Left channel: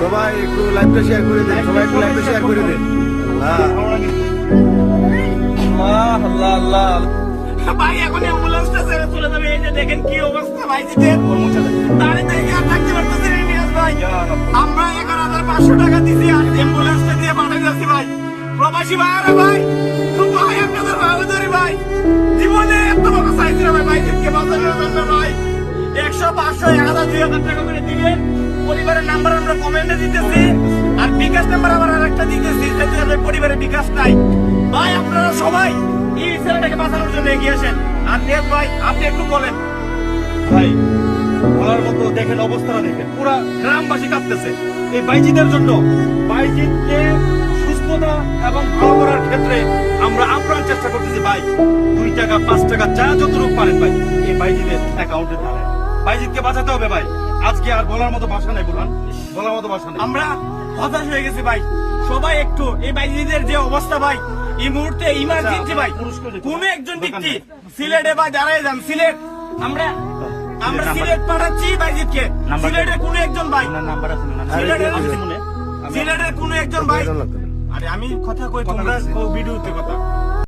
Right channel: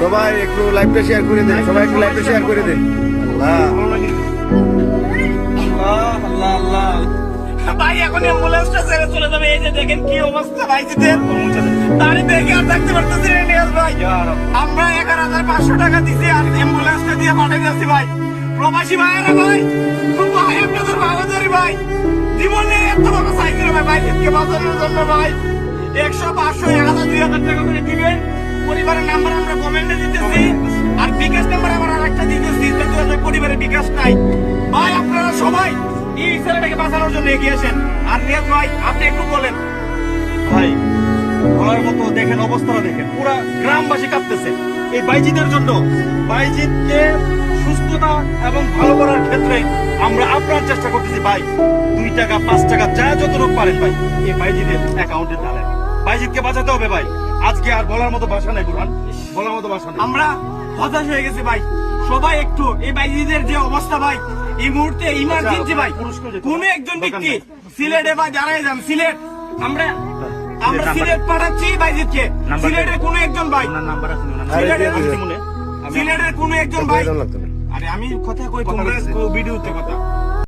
সবাই একটু লাইভটা শেয়ার করে দেন, সবাই একটু লাইভটা শেয়ার করে দেন। ভাই, এখন অ্যাম্বুলেন্সটা ছেড়ে চলে যাবে। এই যে দেখেন কি অবস্থা, ভাই ভাই। আমরা এগারো হাজার পাঁচশো টাকা দিয়ে ভাই। প্রবাসী ভাইয়ারা, ভাই। ভাই, আপনাদের বাবাদারি ভাই। নাম্বার আমরা কমেন্টে দিতেছি, আর বিকাশ নাম্বার আবার আরেকটা দিতেছি যাতে আমাদের পরিবারের বিকাশ নাই। ভাই, আপনারা সবাই এই ছেলেটাকে বাঁচানোর জন্য এগিয়ে আসেন। আর নিয়াজ ভাই, আপনি একটু বলেন। ভাই, বলার মতো দেখেন, অবস্থাটা দেখেন। পুরা গ্রামবাসী কাঁপতেছে। এই বাইজিদের জন্য বাইজিদকে সুস্থতা এবং ভালো করার ক্ষেত্রে আমরা আপনার চেষ্টা করতেছি। ভাই, দুই টাকা, পাঁচ টাকা, যা যতটুকু পারেন ভাই, এই বাইজিদের অ্যাকাউন্টে জানেন বাইজিদকে বাঁচাতে হবে ভাই। আজকে আর বলার মতো ভাষা নেই বুঝলাম বলার মতো ভাষা নেই। আমরা হতাশ হয়ে গেছি ভাই। সবাই একটু এই বাইজিদের যে অবস্থা ভাই এই মুহূর্তে ইমার্জেন্সি ভাই। কোন একজন ব্যক্তি সিলেটে বা দাঁড়ায় যান। সিলেট আমরা আমরা সিলেট পাঠাচ্ছি বাইজিদকে সিলেটের কোন একজন ভাই সিলেটের কোন একজন ভাই আরে আমি কথা কই তোমরা ভিডিওতে কথা।